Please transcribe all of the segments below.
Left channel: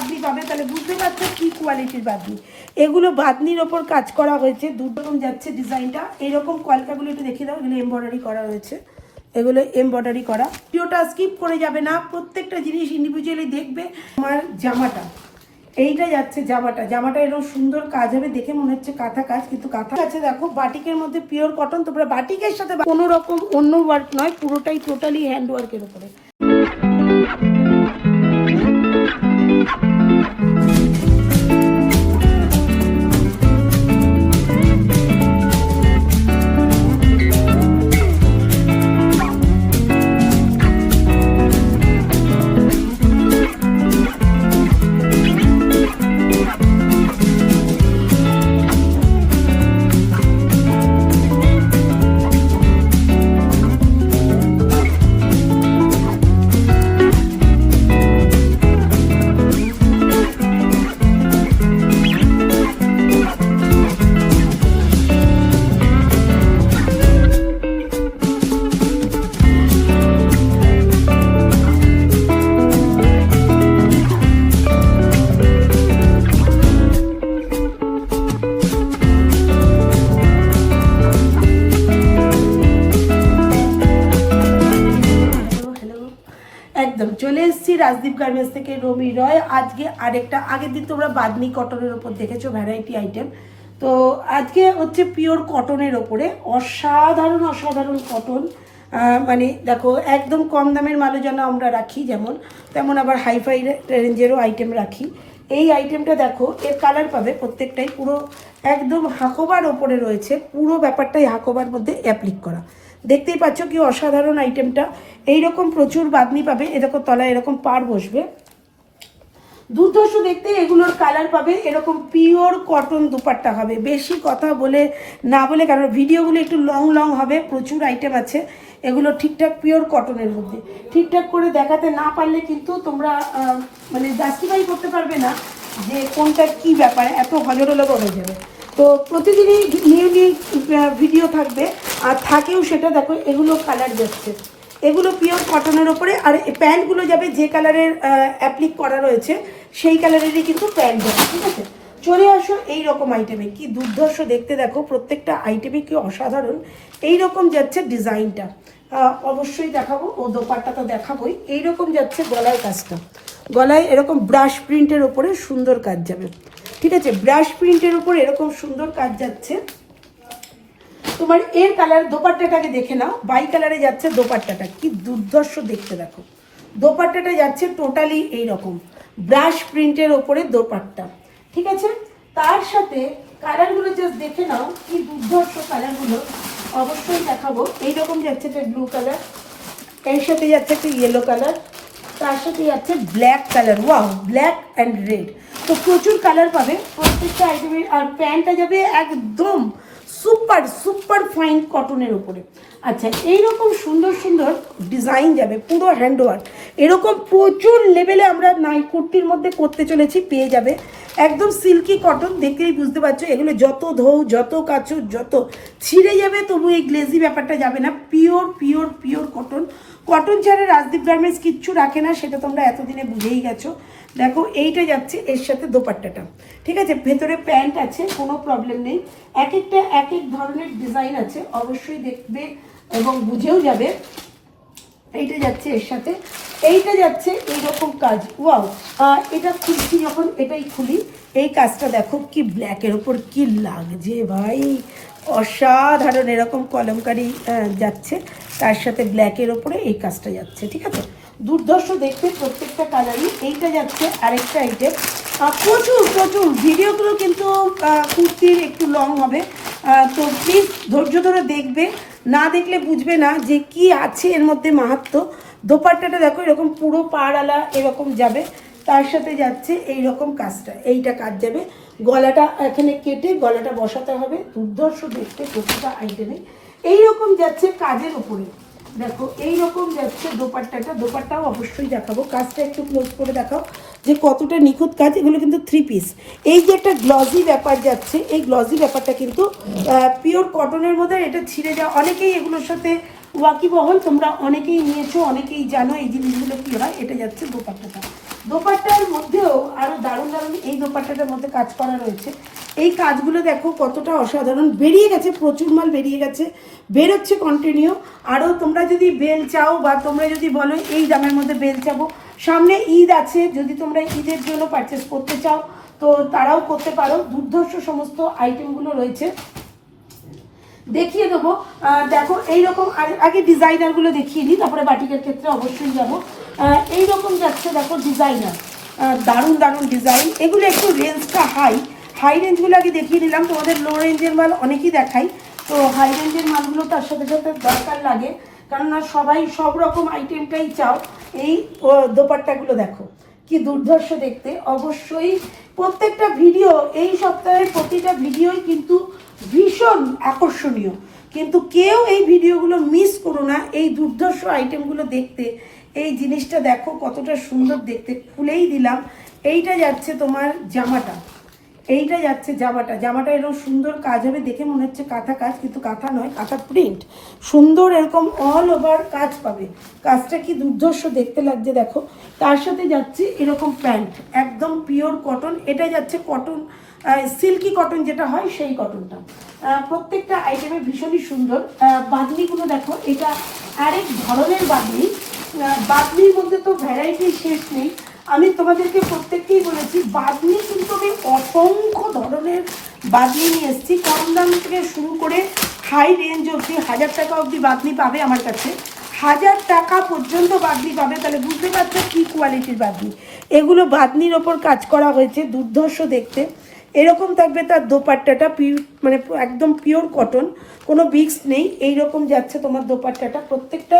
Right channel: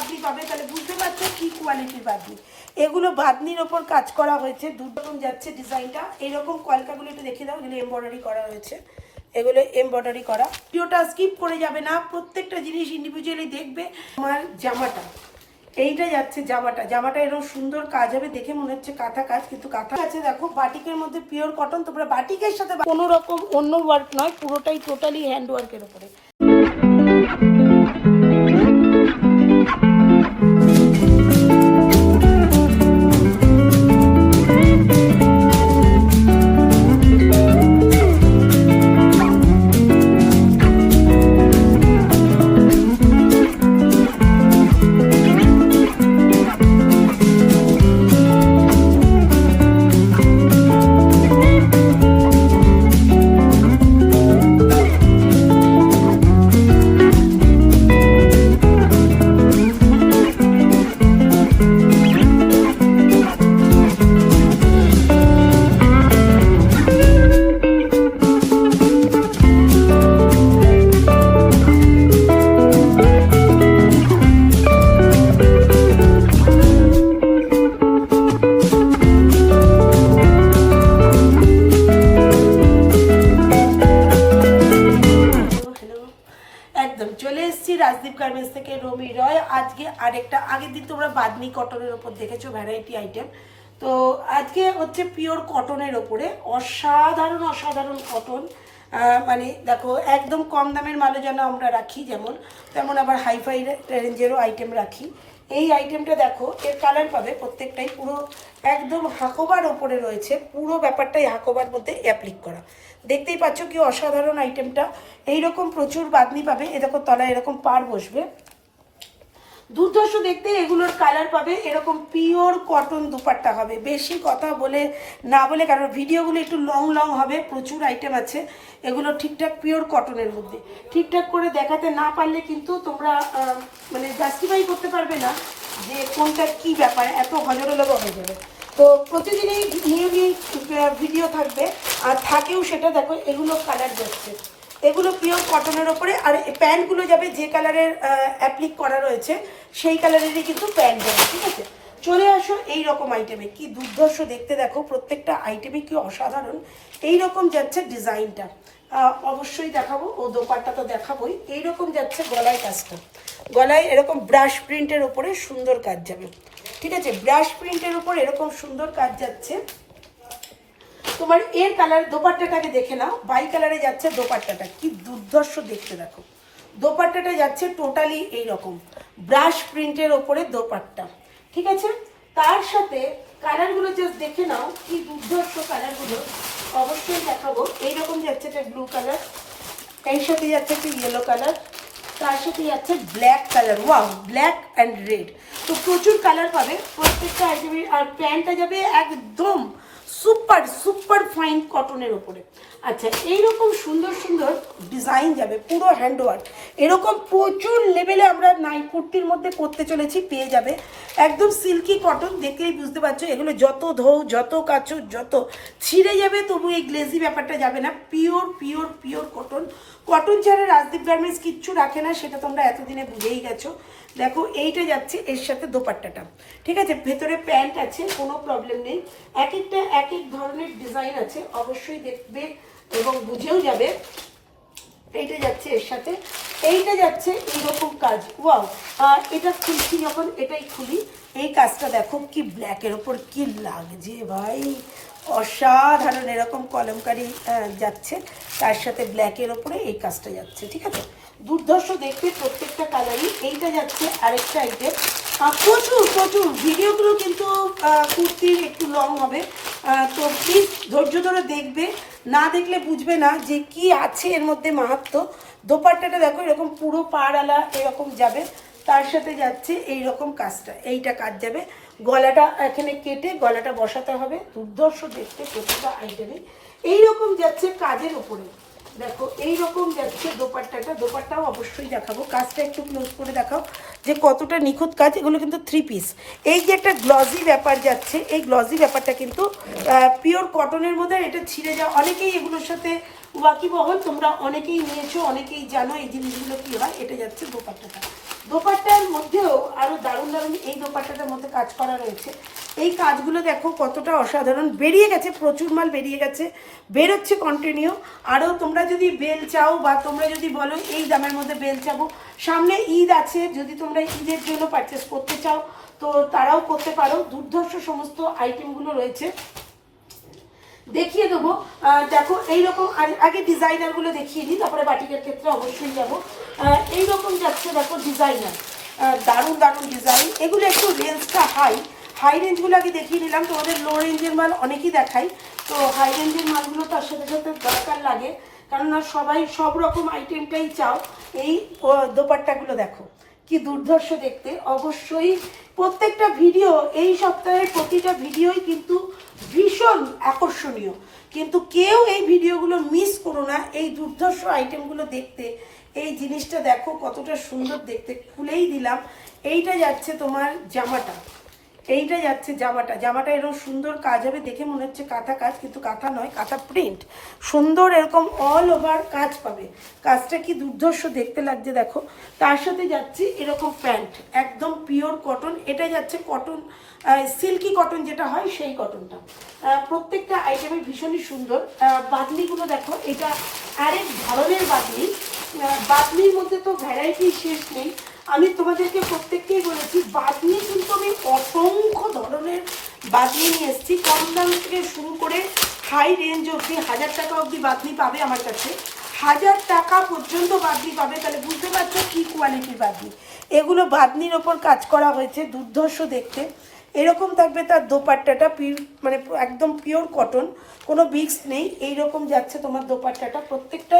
বাঁধনি পাবে, তাহলে বুঝতে পারছো কি কোয়ালিটির বাঁধনি। এগুলো বাঁধনির ওপর কাজ করা হয়েছে, দুরকম যাচ্ছে ডিজাইনটা। এইরকম কলকাগুলো একটু দেখিয়ে দাও, এগুলো এমব্রয়ডারি করা হয়েছে, এগুলো এমব্রয়ডারি করা। ভিডিওটা স্কিপ করে যাবে না, প্রত্যেকটা জিনিস ইন্ডিভিজুয়ালি দেখবে। আমার জামাটা, এইটা যাচ্ছে জামাটা এরকম সুন্দর কাজ হবে, দেখে মনে হচ্ছে কাঁথা কাজ, কিন্তু কাঁথা আছে দেখো বাটিকের মধ্যে পিওর কটন। তোমরা বাটিকের সাথে কোনো রকম অন্য ওয়ার্ক নয়, পুরোটাই টোটালি হ্যান্ড ওয়ার্কের উপরে। একদম চলে এসেছি রাজদীপ গার্মেন্টস থেকে, রমি রয়। আজকে আরেকটা, আগের দিন তোমরা বাদনি কটনের ওপর দেখেছো ভ্যারাইটি আইটেম, তো আজকে হচ্ছে পিওর কটনের ওপরে অসাধারণ অসাধারণ কটন। মানে দেখো একদম কম দামের মালও যেন আমরা রাখি যেমন, তেমন আবার হাইফাই রেঞ্জেরও আইটেম রাখি। এই আইটেমটা দেখো, এর কালার পাবে প্রত্যেকটাই পুরো একদম হাকোবার ওপরে রয়েছে, পুরো ব্যাপারটাই হাকোবার মধ্যে অ্যাপ্লিক করা। দেখতেই পাচ্ছ কি অসাধারণ আইটেমটা। এইরকম প্রচুর বাঁধনি পাবে, এরকম তলায় এরকম পাড় বসবে, দুর্ধর্ষ দেখতে। এগুলোর কালার পাবে এরকম পিওর কটন দুপাট্টা হবে। বেশি কথা বলে না বলে, কারণ ভিডিওগুলো একটু লং লং হবে, প্রচুর আইটেম আছে, এগুলো ঠিকঠাক পিওর কটনের মধ্যে ঠিকঠাক করে দেখাতে না পারলে কিন্তু তোমরা মানে জাস্টিফাই করতে পারবে না যে কোনটা কি ব্যাপার, এত হজরলা হয়ে যাবে। তো প্রতিদিনই নিয়ে নিয়ে ভিডিও থাকবে, আর থাকেও সেটা দেখো। এগুলো কালার যাচ্ছে, এগুলো পিওর কটনের ওপরে। আর প্যান্টগুলো যাবে যে কালারের অ্যাপ্লিক করা রয়েছে সেই কালারেরই কিন্তু প্যান্ট যাবে, ঠিক আছে। চলে আসো এই রকম আইটেমে, কি দুর্ধর্ষ দেখতে দেখো, প্রত্যেকটা আইটেমে কি অসাধারণ। এই রকম যাচ্ছে ডিজাইনটা, অবশ্যই দেখাবো, ও দোপাট্টা তো দেখাবোই। এইরকম যাচ্ছে গলায় কাজটা, গলায় এরকম ব্রাশ প্রিন্টের ওপরে সুন্দর কাজ যাবে, ঠিক আছে। ব্রাশ প্রিন্টের ওপর এরকম সুন্দর কাজ যাচ্ছে তোমার। এর কালার দোপাট্টাটাকে দেখে নাও, বাই কালারে যাচ্ছে দোপাট্টাটা, কি দুর্ধর্ষ দেখতে দেখো। দোপাট্টাটা যাচ্ছে টোটালি এইরকম ব্রাশ প্রিন্টের ওপরে দোপাট্টা, ঠিক আছে। তার সাথে কালারগুলো জাস্ট দেখে নাও, কি দুর্ধর্ষ কালারগুলো, অবশ্যই দেখাবো। এইরকম যাচ্ছে একটা ব্লু কালার, এর সাথে যাচ্ছে একটা ইয়েলো কালার, তার সাথে যাচ্ছে black colour, wow, black and red. তো প্রচুর কালার পাবে প্রত্যেকটা আইটেমে। আর প্যান্টটা যাবে একদম সুপার সুপার ফাইন কটনের উপরে। আচ্ছা, এইরকম সুন্দর সুন্দর ডিজাইন যাবে, পুরো হ্যান্ডওয়ার্ক। এরকম প্রচুর লেভেলে আমরা নাইট কুর্তির মধ্যে করতে চলেছি, পেয়ে যাবে একদম সিল্কি কটন। দেখলেই বুঝতে পারছো, এগুলো যত ধোও, যত কাচো, যত ছিঁড়ে যাবে, তবু এই গ্লেজি ব্যাপারটা যাবে না। Pure pure pure cotton. Cotton ছাড়া রাজদীপ গার্মেন্টস কিচ্ছু রাখে না, সেটা তোমরা এতদিনে বুঝেই গেছো। দেখো এইটা যাচ্ছে এর সাথে দোপাট্টাটা, ঠিক আছে। ভেতরে প্যান্ট আছে, কোনো প্রবলেম নেই। এক একটা এক এক ধরনের ডিজাইন আছে, অবশ্যই দেখবে এবং বুঝেও যাবে। এইটা যাচ্ছে এর সাথে, এইটা যাচ্ছে এইরকম কাজ, ওয়াও। এটা খুলছি যখন, এটাই খুলি, এই কাজটা দেখো কি ব্ল্যাকের ওপর কি লাগছে ভাই, অসাধারণ। এরকম কলমকারি যাচ্ছে, তার সাথে ব্ল্যাকের ওপরে এই কাজটা যাচ্ছে, ঠিক আছে। দুর্ধর্ষ দেখতে প্রত্যেকটা কালারই। এইটা যাচ্ছে আরেকটা আইটেম। প্রচুর প্রচুর ভিডিওগুলো কিন্তু কুর্তির একটু লং হবে, তো প্লিজ ধৈর্য ধরে দেখবে, না দেখলে বুঝবে না যে কি আছে এর মধ্যে মাহাত্ম্য। দোপাট্টাটা দেখো এরকম পুরো পাড়ালা এরকম যাবে, তার সাথে যাচ্ছে এইরকম কাজটা, এইটা কাজ যাবে। গলাটা এখানে কেটে গলাটা বসাতে হবে, দুর্ধর্ষ দেখতে প্রতিটা আইটেমে। এইরকম যাচ্ছে কাজের উপরে, দেখো এইরকম যাচ্ছে দোপাট্টাটা। দোপাট্টাও অবশ্যই দেখাবো, কাজটা একটু ক্লোজ করে দেখাও যে কতটা নিখুঁত কাজ। এগুলো কিন্তু 3 পিস। এই যে একটা গ্লজি ব্যাপার যাচ্ছে, এই গ্লজি ব্যাপারটা কিন্তু পিওর কটনের মধ্যে, এটা ছিঁড়ে যাওয়া। অনেকেই এগুলোর সাথে ওয়াকিবহল, তোমরা অনেকেই নিয়েছো, অনেকেই জানো এই জিনিসগুলো কি হয়। এটা যাচ্ছে দোপাট্টাটা, দোপাট্টার মধ্যেও আরো দারুণ দারুণ এই দোপাট্টাটার মধ্যে কাজ করা রয়েছে। এই কাজগুলো দেখো কতটা অসাধারণ, বেরিয়ে গেছে, প্রচুর মাল বেরিয়ে গেছে, বেরোচ্ছে কন্টিনিউ। আরও তোমরা যদি বেল চাও বা তোমরা যদি বলো এই দামের মধ্যে বেল চাবো, সামনে ঈদ আছে, যদি তোমরা ঈদের জন্য পারচেস করতে চাও তো তারাও করতে পারো। দুর্ধর্ষ সমস্ত আইটেমগুলো রয়েছে, দেখিয়ে দেবো। দেখো এইরকম আগে ডিজাইনারগুলো দেখিয়ে নিই, তারপরে বাটিকের ক্ষেত্রে অবশ্যই যাবো। এইরকম যাচ্ছে দেখো ডিজাইনার, দারুণ দারুণ ডিজাইন। এগুলো একটু রেঞ্জটা হাই রেঞ্জগুলো আগে দেখিয়ে দিলাম, তোমাদের লো রেঞ্জের মাল অনেকই দেখাই, তো হাই রেঞ্জের মালগুলো তার সাথে সাথে দরকার লাগে, কেননা সবাই সব রকম আইটেমটাই চাও। এই দোপাট্টাগুলো দেখো কি দুর্ধর্ষ দেখতে। অবশ্যই প্রত্যেকটা ভিডিও, এই সপ্তাহের প্রতিটা ভিডিওই কিন্তু ভীষণ আকর্ষণীয়, কিন্তু কেউ এই ভিডিওগুলো মিস করো না। এই দুর্ধর্ষ আইটেমগুলো দেখতে, এই জিনিসটা দেখো কতটা সুন্দর দেখতে, খুলেই দিলাম। এইটা যাচ্ছে তোমার জামাটা, এইটা যাচ্ছে জামাটা এরকম সুন্দর কাজ হবে, দেখে মনে হচ্ছে কাঁথা কাজ, কিন্তু কাঁথা নয়, কাঁথা প্রিন্ট, সুন্দর এরকম অল ওভার কাজ পাবে। কাজটা কি দুর্ধর্ষ দেখতে লাগছে দেখো। তার সাথে যাচ্ছে এরকম প্যান্ট, একদম পিওর কটন, এটা যাচ্ছে কটন, সিল্কি কটন যেটা হয় সেই কটনটা। প্রত্যেকটা আইটেমে ভীষণই সুন্দর। বাদনিগুলো দেখো, এটা আরেক ধরনের বাদনি। বাদনির মধ্যে তো ভ্যারাইটি শেষ নেই। আমি তোমাদেরকে প্রত্যেককেই বলেছি বাদনি কিন্তু আমি অসংখ্য ধরনের বাদনি নিয়ে এসেছি, কম দাম থেকে শুরু করে হাই রেঞ্জ অবধি, 1000 টাকা অবধি বাদনি পাবে আমার কাছে, 1000 টাকা পর্যন্ত বাদনি পাবে। তাহলে বুঝতে পারছো কি কোয়ালিটির বাদনি। এগুলো বাদনির ওপর কাজ করা হয়েছে, দুর্ধর্ষ দেখতে। এরকম থাকবে তার দোপাট্টাটা, মানে একদম পিওর কটন, কোনো বিক্স নেই। এইরকম যাচ্ছে তোমার দোপাট্টাটা, প্রত্যেকটা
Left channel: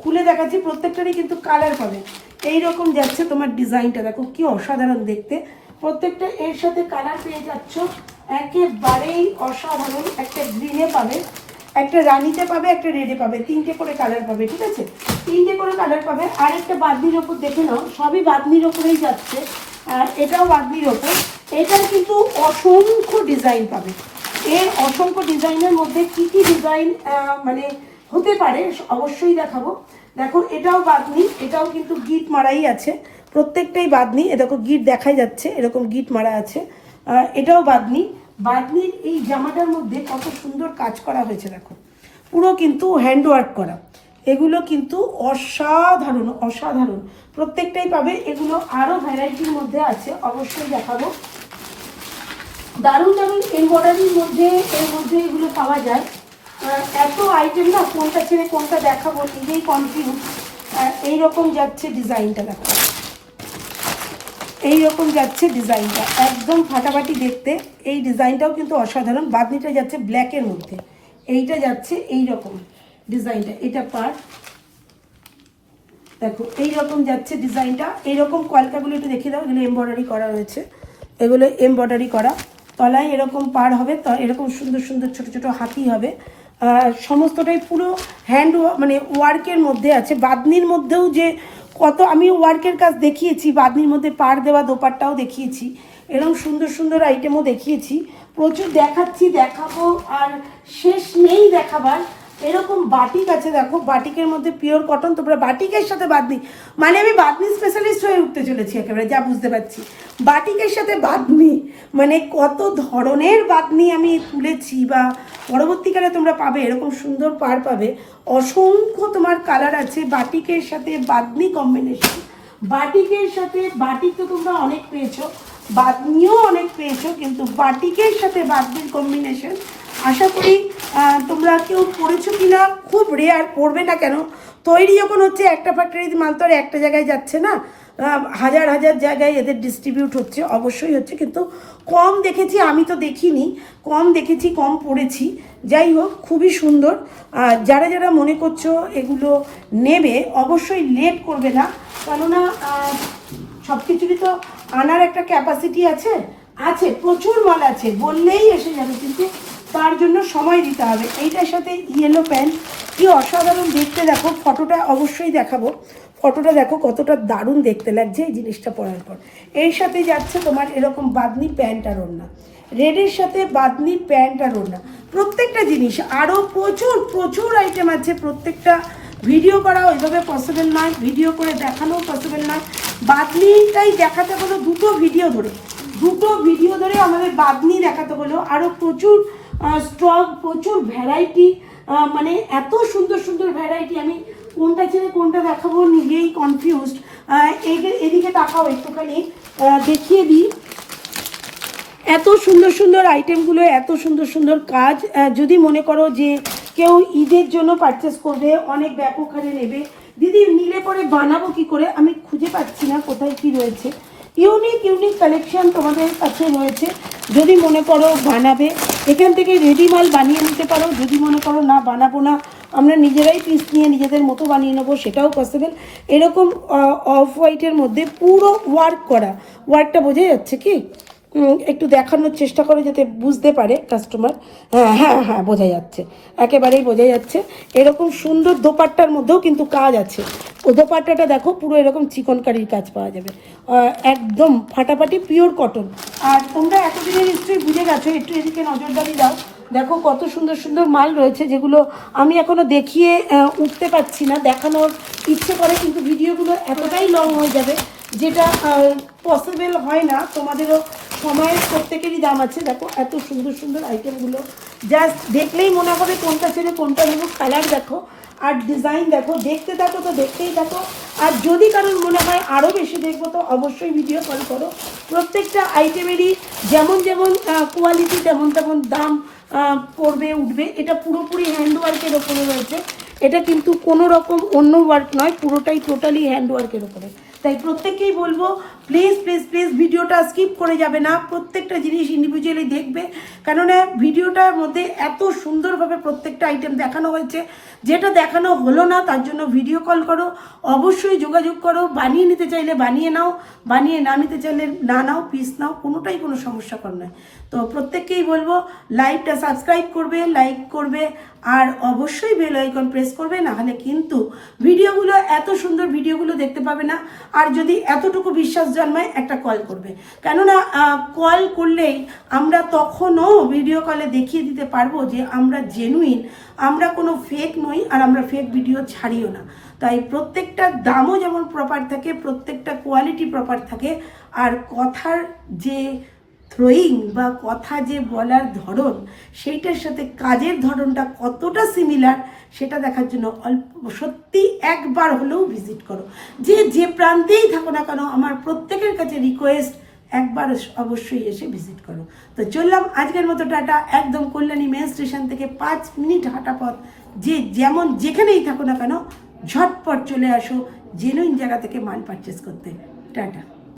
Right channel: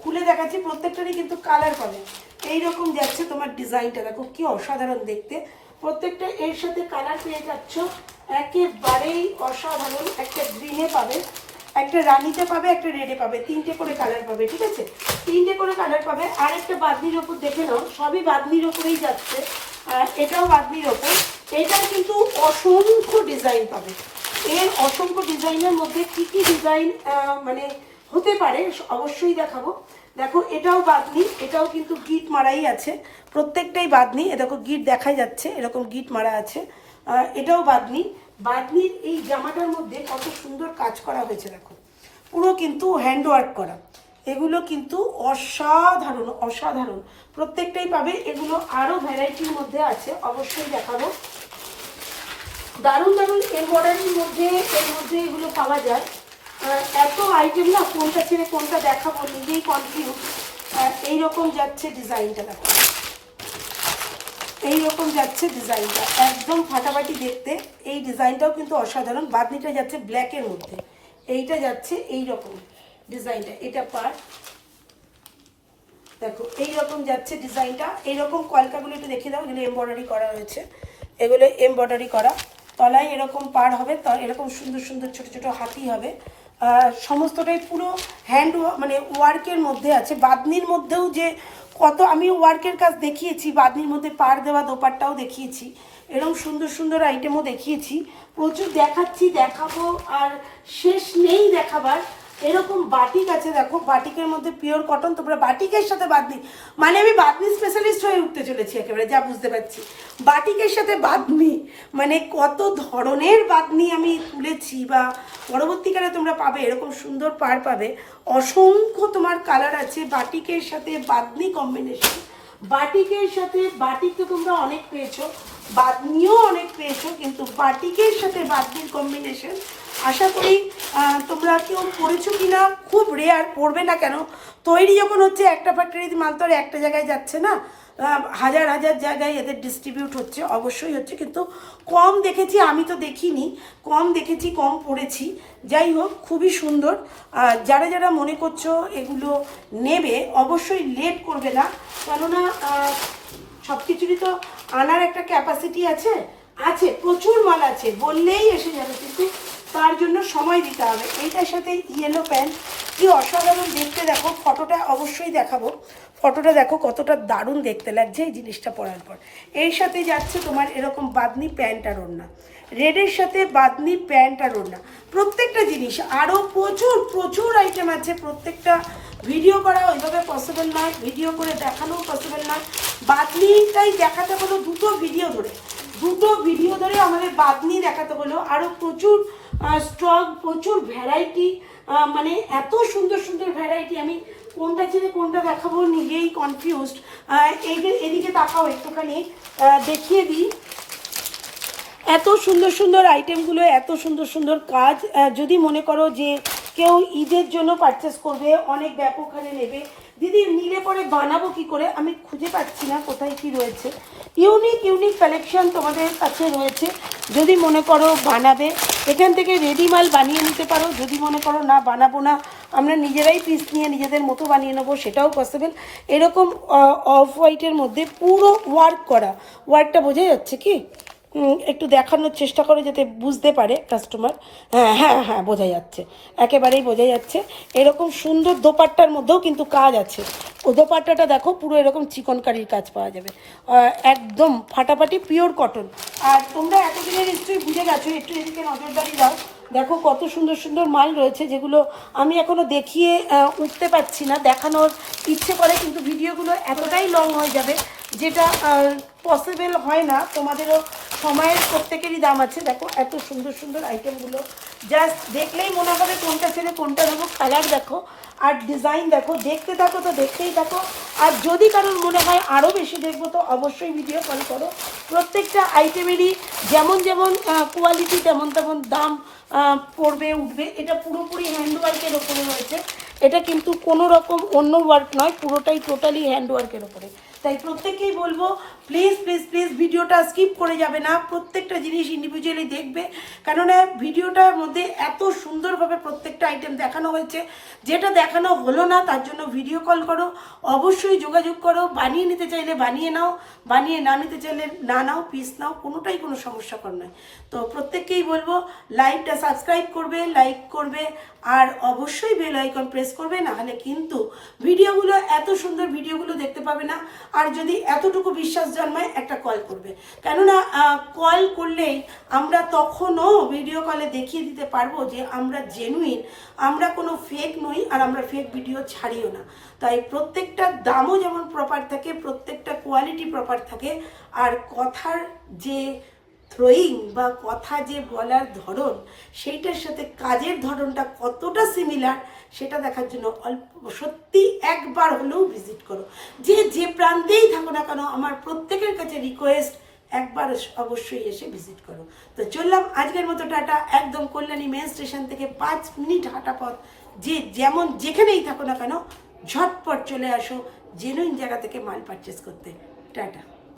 খুলে দেখাচ্ছি, প্রত্যেকটারই কিন্তু কালার পাবে। এইরকম যাচ্ছে তোমার ডিজাইনটা, দেখো কি অসাধারণ দেখতে। প্রত্যেকটা এর সাথে কালার পেয়ে যাচ্ছ, একেবারেই অসাধারণ। একটা গ্রিনে পাবে, একটা রানিতে পাবে, একটা রেডে পাবে, 3টে করে কালার পাবে, ঠিক আছে, 3টে করে কালার পাবে। আর একটা বাদনির ওপর দেখে নাও, সবই বাদনির ওপরেই যাচ্ছে। আর এটাও বাদনির ওপর, এটার কিন্তু অসংখ্য ডিজাইন পাবে। এর অসংখ্য ডিজাইনের মধ্যে কি কি ডিজাইন মানে হতে পারে অবশ্যই দেখাবো। দেখো এটাও বাদনি, এটাও কিন্তু গিট মারাই আছে, প্রত্যেকটাই বাদনি। এ দেখো গিট দেখাই যাচ্ছে, এরকম গিট মারা আছে। এটাও বাদনি। বাদনির এই জামাটার মধ্যে কত সুন্দর কাজ করা হয়েছে দেখো, পুরো কিন্তু হ্যান্ডওয়ার্ক করা। এগুলো কিন্তু অসাধারণ অসাধারণ, প্রত্যেকটাই পাবে। এগুলো আরো ভ্যারাইটির মধ্যে আছে, অবশ্যই দেখাবো। দারুণ দারুণ এমব্রয়ডারির মধ্যে, এর মধ্যে এগুলো পাওয়া যায়। এত আইটেম না, কোনটা ছেড়ে কোনটা দেখাবো নিজেই কনফিউজ। এইরকম যাচ্ছে ডিজাইনটা দেখো, এইরকম যাচ্ছে ডিজাইনটা, একদম ফাটাফাটি দেখতে। এই ডিজাইনটাও কিন্তু অসাধারণ। বাদনিটা যাচ্ছে ব্ল্যাকের মধ্যে, এইটা যাচ্ছে এইরকম ডিজাইনটা, এটা পার দেখো এইরকম যাচ্ছে ডিজাইনটা। এইরকম কলকাগুলো একটু দেখিয়ে দাও, এগুলো এমব্রয়ডারি করা রয়েছে, এগুলো এমব্রয়ডারি করা। তলায় এরকম পার হবে, তো এরকম সুন্দর সুন্দর ছোট ছোট হাতি হবে। সমস্তটাই পুরো হ্যান্ড মানে ওয়ার্কের মধ্যে আছে। বাদনির মধ্যেও যে কত আমি ওয়ার্কের কাজ দেখিয়েছি, বাদনির মধ্যে পার দেওয়া দোপাট্টাও দেখিয়েছি, এরকম সুন্দর সুন্দর আইটেমও দেখিয়েছি, প্রচুর দেখাচ্ছি, দেখাবো, আর শেষ নেই দেখাবার। এরকম বাটিক আছে দেখো, বাটিকের মধ্যে পিওর কটন, তোমরা বাটিকের সাথে বাদনি, মানে আমি বাদনি স্পেশালিস্ট হয়ে উঠতে চলেছি একেবারে, যা বুঝতে পারছি। বাটিকের সাথে বাদনি, মানে কত ধরনের বাদনি আমি তুলেছি, বা পরবর্তীকালে তোমরা পাবে এরকম সুন্দর পার পাবে। অসংখ্য তোমার কালার আছে, বাটিকের সাথে বাদনি কম্বিনেশন। বাটিকের সাথে, বাটিক তো তোমরা অনেক পেয়েছো, বাদনিও অনেক পেয়েছো, কিন্তু বাটিকের সাথে বাদনির কম্বিনেশন আশা করি তোমরা কেউ পড়েছো কিনা, খুব রেয়ার, পড়বে না কেন, তৈরি যখন হচ্ছে একটা ফ্যাক্টরিতে মাল তো আর একটা জায়গায় যাচ্ছে না, হাজার হাজার জায়গায় এদের ডিস্ট্রিবিউট হচ্ছে, অবশ্যই হচ্ছে, কিন্তু কম দেখেছি, আমি তো দেখিনি, কম দেখেছি, কম পড়েছি। যাই হোক, খুবই সুন্দর। আর যারা যারা মনে করছো এগুলো নেবে, অবশ্যই লেট করবে না, কেননা সব কিছুরই তো আনার একটা ক্যাপাসিটি আছে, আছে প্রচুর মাল আছে, বললেই এসে যাবে, কিন্তু তার জন্য সময় দিতে হবে। এইটার সাথে ইয়েলো প্যান্ট, কি অসাধারণ দেখতে, দেখো ফটোটা অবশ্যই দেখাবো, ফটোটা দেখো কতটা দারুণ দেখতে লাগছে এই জিনিসটা পরার পর। এর সাথে যাচ্ছে তোমার এরকম বাদনি প্যান্ট আর ওড়না, রেডের সাথে বাদনি প্যান্ট আর ওড়না, প্রত্যেকটা জিনিস। আরও প্রচুর প্রচুর আইটেম আছে, প্রত্যেকটা ভিডিও করা ওইভাবে পসিবল নয়, ভিডিও করে দেখানো পসিবল নয়। বাদনিটাই দেখাতে হলো দুটো ভিডিও ধরে আমাদের বাদনি দেখাতে হলো। আরও প্রচুর স্টক, প্রচুর ভ্যারাইটি, মানে এত সুন্দর সুন্দর ভ্যারাইটি, আমি কোনটা ছেড়ে কোনটা দেখাবো নিজেই কনফিউজড। এদিকে তাকাও একটুখানি, দেখিয়ে দিই। এত সুন্দর সুন্দর আইটেমগুলো, এত সুন্দর সুন্দর কাজ। যদি মনে করো যে কেউ ঈদের জন্য পারচেস করবে, অনেক ব্যাপক হারে নেবে, দিদি নিলে পরে বানাবো কি করে, আমি খুঁজে পাচ্ছি না কোথায় কি রয়েছে। ইউনিক কালেকশন তোমাদের কাছে রয়েছে। যদি মনে করো বানাবে, এখান থেকে রেডি মাল বানিয়ে নিতে পারো। যদি মনে করো না বানাবো না, আমরা নিজেরাই পিস নিয়ে নিজেদের মতো বানিয়ে নেবো, সেটাও পসিবল। এরকম অফ হোয়াইটের মধ্যে পুরো ওয়ার্ক করা, ওয়ার্কটা বোঝা যাচ্ছে কি? একটু দেখানোর চেষ্টা করে যাতে বুঝতে পারে কাস্টমার। হ্যাঁ বোঝা যাচ্ছে, একেবারেই বোঝা যাচ্ছে। এরকম সুন্দর দোপাট্টার মধ্যেও কিন্তু কাজ আছে। ও দোপাট্টাটা দেখো, পুরো এরকম চিকনকারির কাজ পাওয়া যাবে, একদম ফাটাফাটি পিওর কটন। আর তোমরা এতদিনে নিশ্চয়ই বুঝে গেছো, একটু এদিকে নজরদারি দাও। দেখো কত সুন্দর সুন্দর মাল রয়েছে, যেগুলো আমি এখনো দেখিয়ে উঠতে পারছি না। দেখানোর ইচ্ছে করে কিন্তু ভিডিওগুলো এতটাই লং হয়ে যাবে, যেটা পসিবল হয় না। তোমাদেরও সময়ের প্রত্যেকেরই দাম আছে। দেখো এত সুন্দর সুন্দর আইটেমগুলো, জাস্ট দেখলেই মনে হবে কোনটা ছেড়ে কোনটা নেবো। কালার দেখো আর ডিজাইন দেখো, দেখতে থাকো তো দেখতেই থাকো। আর যদি কারোর মনে হয় আরও বেশি দেখবো, তো অবশ্যই ভিডিও কল করো। প্রত্যেকটা আইটেমেরই যেমন যেমন কোয়ালিটি, তেমন তেমন দাম পড়বে উঠবে। এটা পুরোপুরি হ্যান্ডওয়ার্কের ওপরে রয়েছে, এটা কিন্তু কোনো রকম অন্য ওয়ার্ক নয়, পুরোটাই টোটালি হ্যান্ডওয়ার্কের ওপরে। তাই প্রত্যেককেই বলবো প্লিজ প্লিজ প্লিজ ভিডিওটা স্কিপ করে যাবে না, প্রত্যেকটা জিনিস ইন্ডিভিজুয়ালি দেখবে। কেননা ভিডিওটার মধ্যে এত সুন্দরভাবে প্রত্যেকটা আইটেম দেখানো হয়েছে, যেটা দেখানো হলো না তার জন্য ভিডিও কল করো, অবশ্যই যোগাযোগ করো। বানিয়ে নিতে চাইলে বানিয়ে নাও, বানিয়ে না নিতে চাইলে না নাও, পিস নাও, কোনোটাই কোনো সমস্যাকর নয়। তো প্রত্যেককেই বলবো লাইভটা সাবস্ক্রাইব করবে, লাইক করবে, আর অবশ্যই বেল আইকন প্রেস করবে, না হলে কিন্তু ভিডিওগুলো, এত সুন্দর ভিডিওগুলো দেখতে পাবে না। আর যদি এতটুকু বিশ্বাস জন্মায়, একটা কল করবে। কেননা কল করলেই আমরা তখনও ভিডিও কলে দেখিয়ে দিতে পারবো যে আমরা জেনুইন, আমরা কোনো ফেক নই, আর আমরা ফেক ভিডিও ছাড়িও না। তাই প্রত্যেকটা দামও যেমন প্রপার থাকে, প্রত্যেকটা কোয়ালিটি প্রপার থাকে, আর কথার যে থ্রোয়িং বা কথা যে বলার ধরন, সেইটার সাথে কাজের ধরনটা কতটা সিমিলার, সেটা দেখার জন্য সত্যি একবার হলেও ভিজিট করো। যে প্রান্তেই থাকো না কেন, আমার প্রত্যেকের কাছে রিকোয়েস্ট, একবার অবশ্যই এসে ভিজিট করো। তো চললাম আজকের মতো, টাটা। একদম কল্যাণী মেন স্টেশন থেকে 5 মিনিট হাঁটা পথ। যেমন যেখানেই থাকো না কেন, ঝটপট চলে আসো জেনুইন জায়গা থেকে মাল পারচেস করতে। টাটা।